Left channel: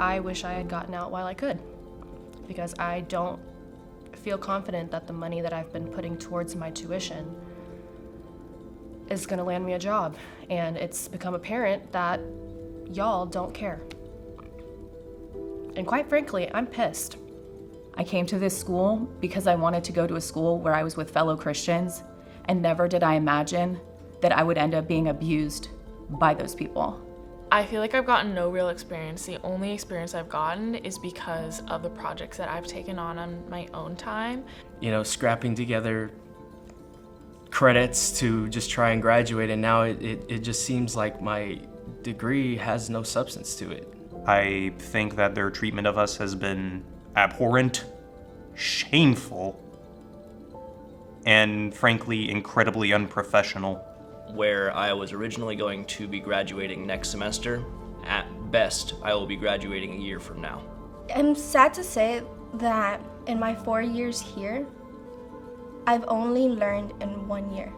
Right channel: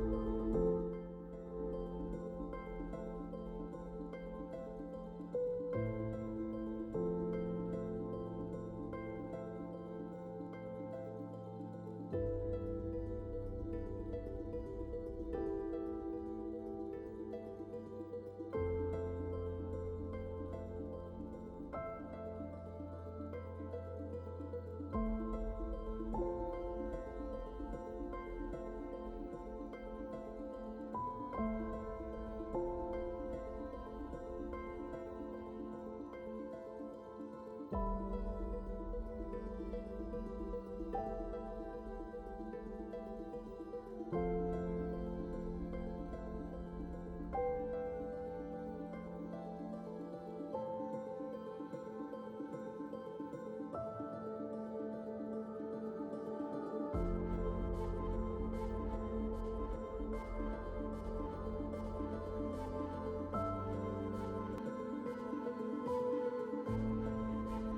I wish I had gotten out while I could, because I don't feel confident that the money that I've been putting towards my tuition is gonna land me a job. And it's become apparent that y'all don't care. And quite frankly, I'm pissed. I came to this school because I wanted to go to a school where I was with fellow Christians, and never did I imagine that I would end up being abused by those people. I feel like I've gotten no real experience. The only experience I've gotten is because of the projects that I've taken on my own time. You know, scrapping together credits to just try and graduate, and now it just seems like my degree has no substance to it. I think that their treatment of us has been abhorrent, shameful, and frankly, incredibly unprofessional. Where I was originally going to be graduating next semester, at best, I will be graduating a year from now. I'm sad to say that in my 4 years here, I've only learned in 1 year.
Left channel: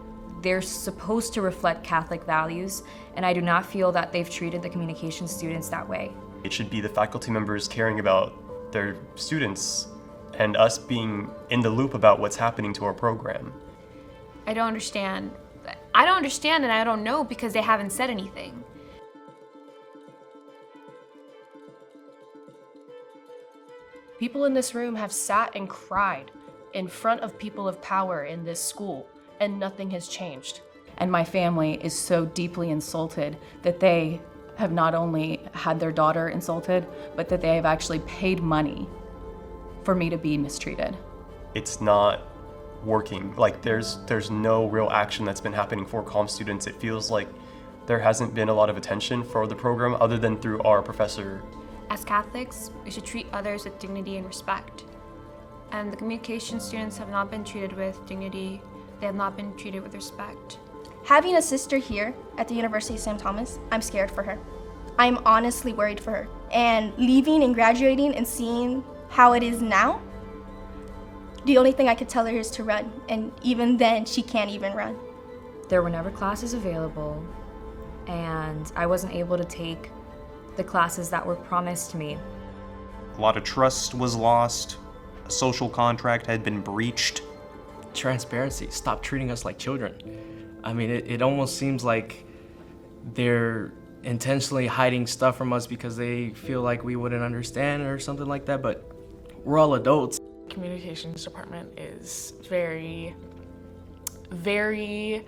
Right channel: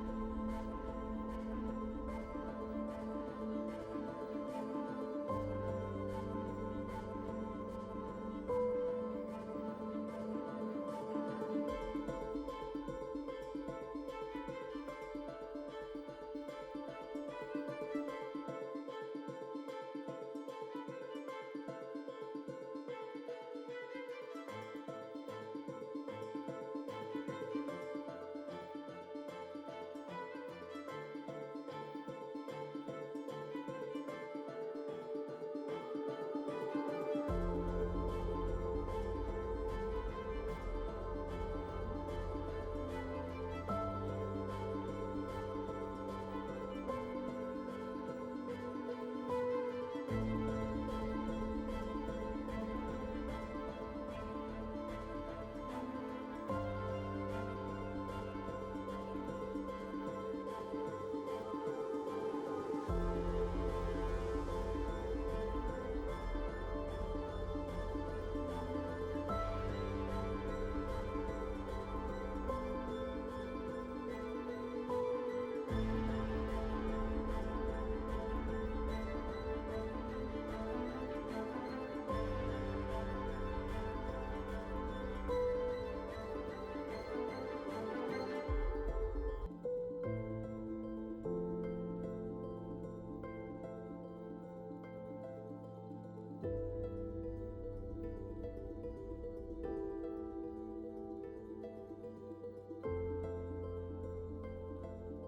They're supposed to reflect Catholic values, and I do not feel that they've treated the communication students that way. It should be the faculty members caring about their students and us being in the loop about what's happening to our program. I don't understand and I don't know because they haven't said anything. People in this room have sat and cried in front of people of power in this school, and nothing has changed. And my family is so deeply insulted that they have not only had their daughter insulted, but that they have actually paid money for me to be mistreated. It's not working. Like there's no real action that's been happening for comm students. It feels like there hasn't been a lot of attention for the program other than through our professor. As Catholics, we should treat others with dignity and respect. And the communication students have not been treated with dignity. They have not been treated with respect. Having a sister here at the University of St. Thomas, I'm scared for her. I'm honestly worried for her. And leaving and graduating and seeing how it is now, the only thing I could tell her is to run. And even then, she can't even run. There were never classes available, and I wasn't able to take the classes that were promised to me. A lot of trust was lost. A social contract had been breached. Transparency. Stop treating us like children. I mean, it almost seems like they're intentionally hiding stuff from us because they feel like we wouldn't understand or something like that, but we're all adults. Communications department is very, very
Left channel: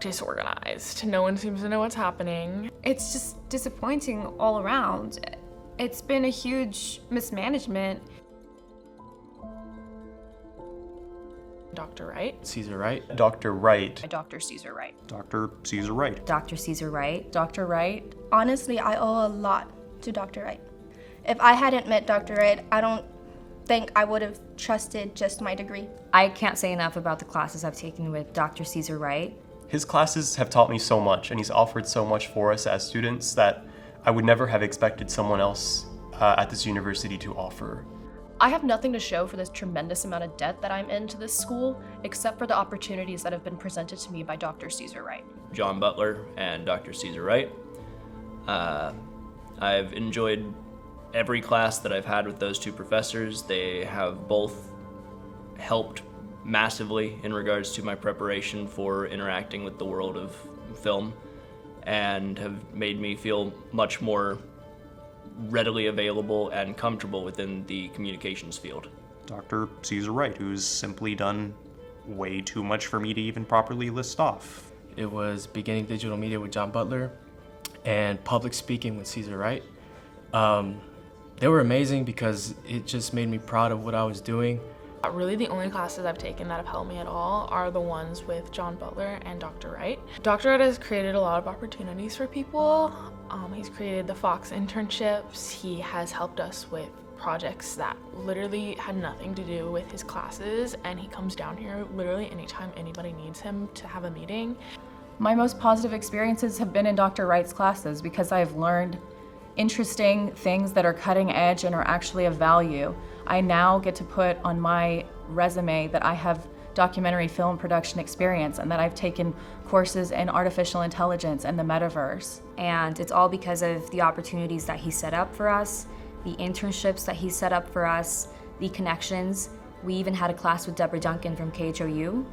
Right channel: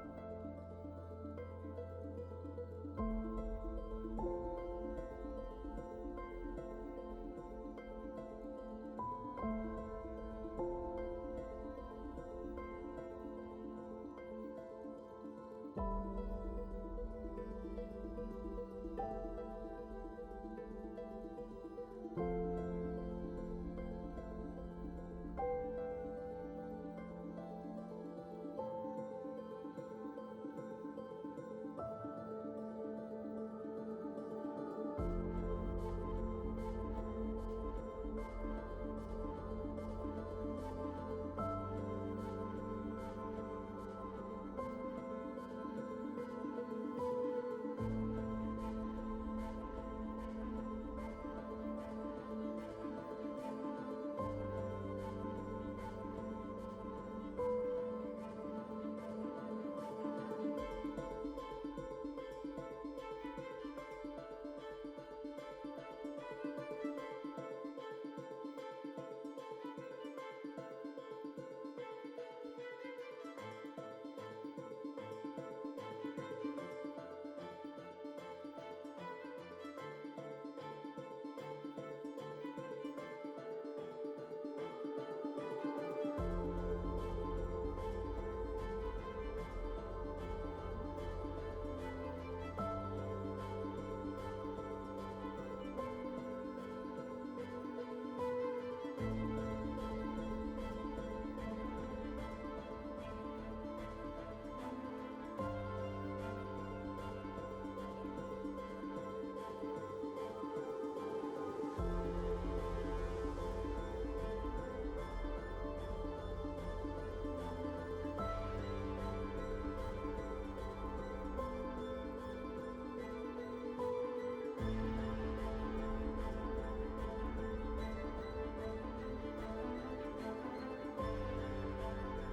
disorganized. No one seems to know what's happening. It's just disappointing all around. It's been a huge mismanagement. Dr. Wright. Caesar Wright. Dr. Wright. Dr. Caesar Wright. Dr. Caesar Wright. Dr. Caesar Wright. Dr. Wright. Honestly, I owe a lot to Dr. Wright. If I hadn't met Dr. Wright, I don't think I would have trusted just my degree. I can't say enough about the classes I've taken with Dr. Caesar Wright. His classes have taught me so much, and he's offered so much for us as students that I would never have expected someone else at this university to offer. I have nothing to show for this tremendous amount of debt that I'm in to this school, except for the opportunities that have been presented to me by Dr. Caesar Wright. John Butler and Dr. Caesar Wright. I've enjoyed every class that I've had with those two professors. They have both helped massively in regards to my preparation for interacting with the world of film, and have made me feel much more readily available and comfortable within the communications field. Dr. Caesar Wright, who's simply done way too much for me to even properly list off. It was beginning digital media with John Butler and public speaking with Caesar Wright. They were amazing because it just made me proud of what I was doing. Really, the only classes I've taken that have helped me at all are the ones with John Butler and Dr. Wright. Dr. Wright has created a lot of opportunities for people. He's created the Fox internships. He has helped us with projects that literally had nothing to do with his classes, and he comes down here literally anytime anybody needs him to have a meeting. My most positive experiences have been in Dr. Wright's classes because I've learned interesting things that are cutting edge and are actually of value. I now get to put on my resume that I have documentary film production experience and that I've taken courses in artificial intelligence and the metaverse. And it's all because of the opportunities that he set up for us, the internships that he set up for us, the connections. We even had a class with Deborah Duncan from KHOU.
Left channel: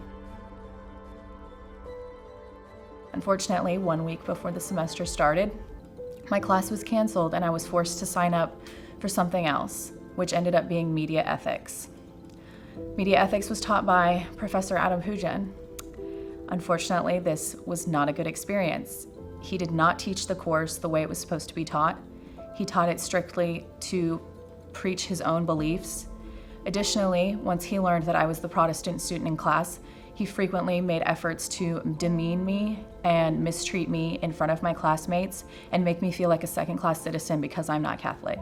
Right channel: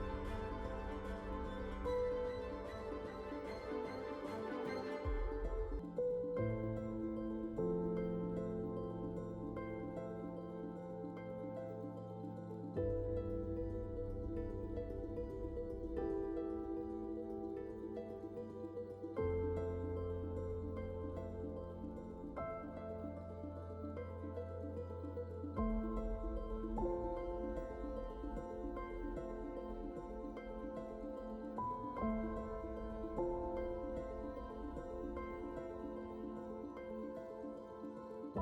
Unfortunately, 1 week before the semester started, my class was canceled and I was forced to sign up for something else, which ended up being media ethics. Media ethics was taught by Professor Adam Hujan. Unfortunately, this was not a good experience. He did not teach the course the way it was supposed to be taught. He taught it strictly to preach his own beliefs. Additionally, once he learned that I was the Protestant student in class, he frequently made efforts to demean me and mistreat me in front of my classmates and make me feel like a second-class citizen because I'm not Catholic.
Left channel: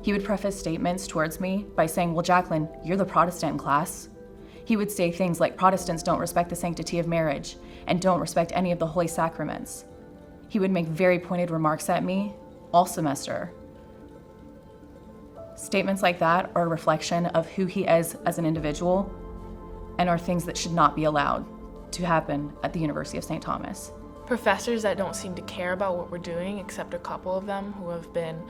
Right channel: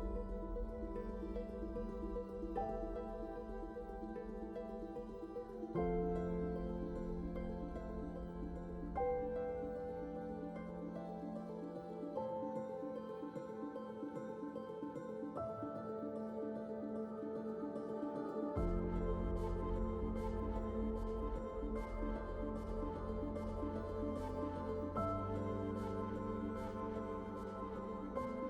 He would preface statements towards me by saying, "Well, Jacqueline, you're the Protestant in class." He would say things like Protestants don't respect the sanctity of marriage and don't respect any of the holy sacraments. He would make very pointed remarks at me all semester. Statements like that are a reflection of who he is as an individual and are things that should not be allowed to happen at the University of St. Thomas. Professors that don't seem to care about what we're doing, except a couple of them who have been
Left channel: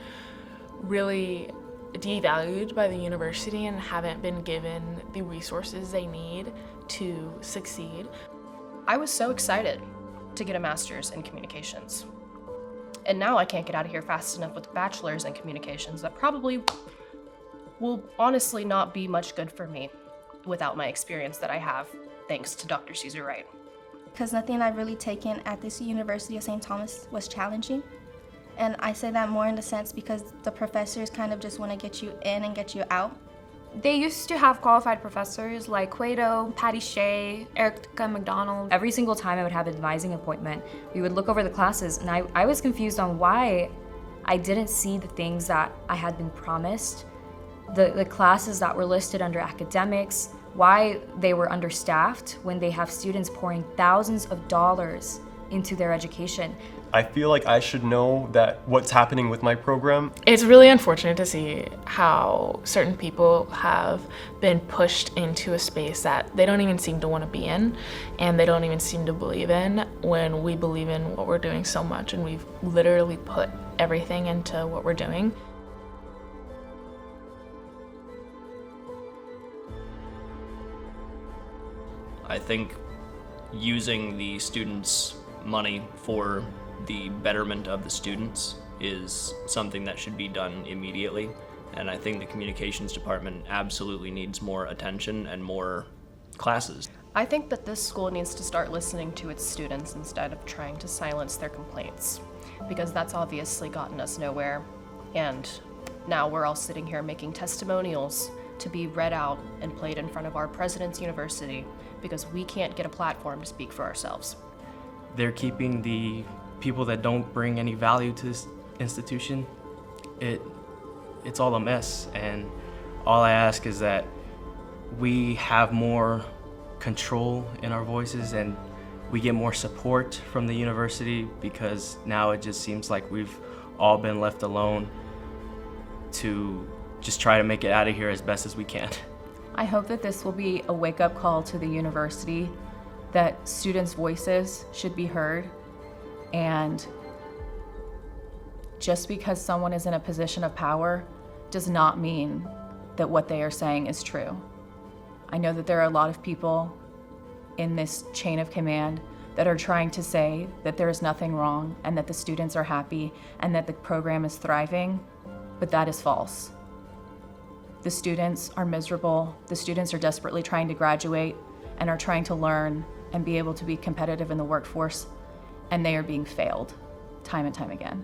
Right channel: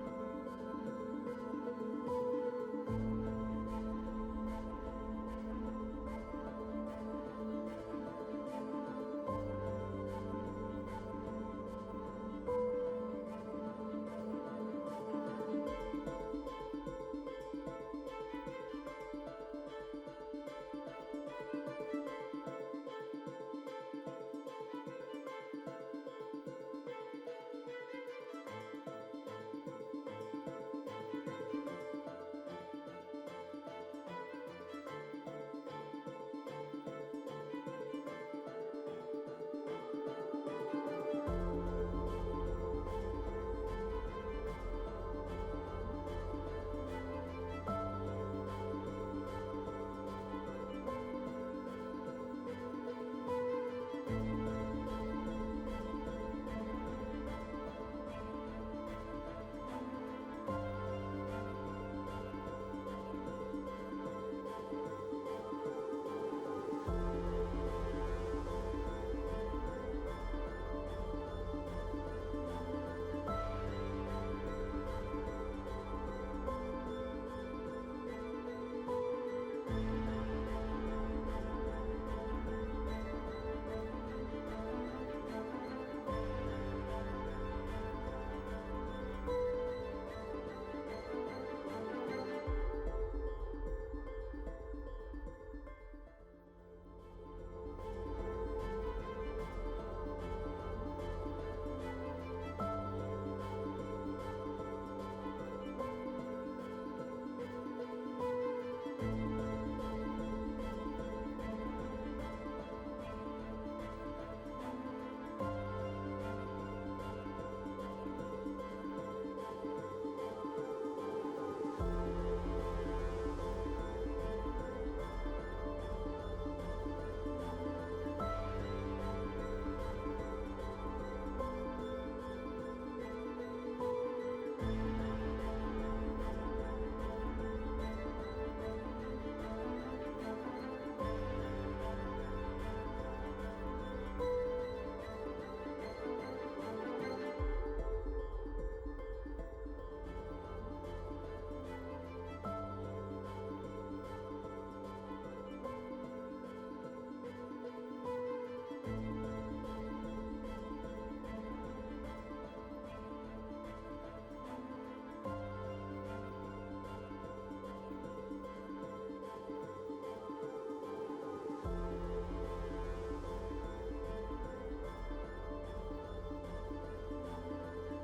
really devalued by the university and haven't been given the resources they need to succeed. I was so excited to get a master's in communications. And now I can't get out of here fast enough with a bachelor's in communications. That probably will honestly not be much good for me without my experience that I have, thanks to Dr. Caesar Wright. Because nothing I've really taken at this University of St. Thomas was challenging. And I say that more in the sense because the professors kind of just want to get you in and get you out. They used to have qualified professors like Cueto, Patty Shea, Erica McDonald. Every single time I would have an advising appointment, we would look over the classes, and I was confused on why I didn't see the things that I had been promised. The classes that were listed under academics, why they were understaffed when they have students pouring thousands of dollars into their education. I feel like I should know that what's happening with my program. It's really unfortunate to see how certain people have been pushed into a space that they don't even seem to want to be in and they don't even seem to believe in, when we believe in what we're doing so much and we've literally put everything into what we're doing. I think using the students' money for the betterment of the students is something that should be done immediately, and I think the communications department absolutely needs more attention and more classes. I think that this school needs to start listening to its students instead of trying to silence their complaints, because that's obviously gotten us nowhere. And now we're all sitting here making testimonials to be read out and played in front of our president's university because we can't get a platform to speak for ourselves. They're keeping the people that don't bring any value to this institution. It's all a mess, and all I ask is that we have more control in our voices and we get more support from the university, because now it just seems like we've all been left alone to just try to make it out of here as best as we can. I hope that this will be a wake-up call to the university that students' voices should be heard, and just because someone is in a position of power does not mean that what they are saying is true. I know that there are a lot of people in this chain of command that are trying to say that there is nothing wrong and that the students are happy and that the program is thriving, but that is false. The students are miserable. The students are desperately trying to graduate and are trying to learn and be able to be competitive in the workforce, and they are being failed time and time again.